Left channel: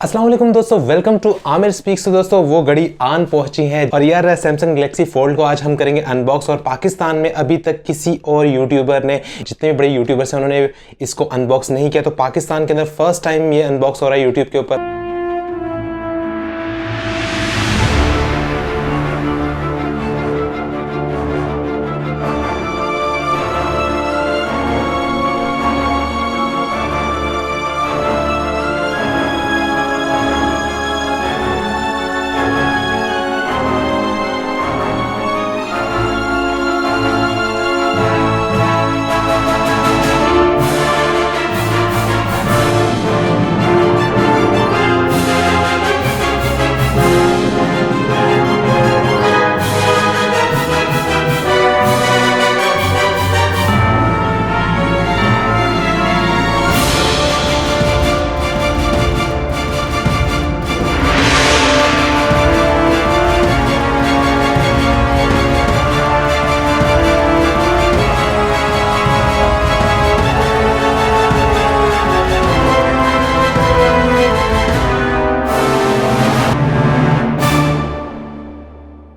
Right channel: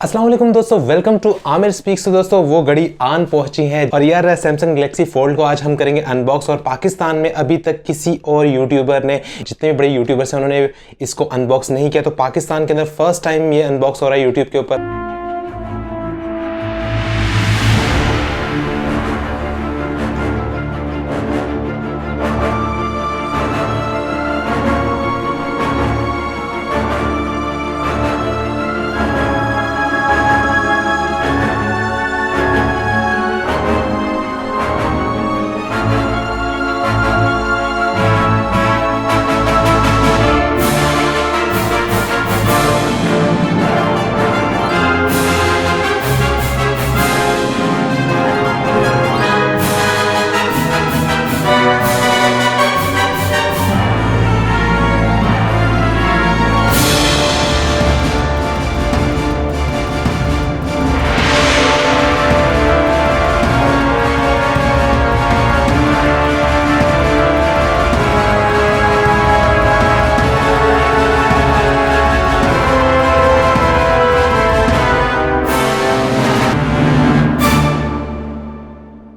अस्सलाम वालेकुम दोस्तों, वेलकम टू आमिर स्पीक्स। तो दोस्तों वो घड़ी आन पहुंची है और यार सैमसंग गैलेक्सी फोल्ड को आज हम करेंगे अनबॉक्स। और पाकिस्तान में अभी तक किसी और यूट्यूबर ने, जितने भी बड़े यूट्यूबर्स हैं, उन्होंने इसको अनबॉक्स नहीं किया। तो पाकिस्तान के अंदर फर्स्ट टाइम ये अनबॉक्स हो रहा है यूट्यूब के ऊपर।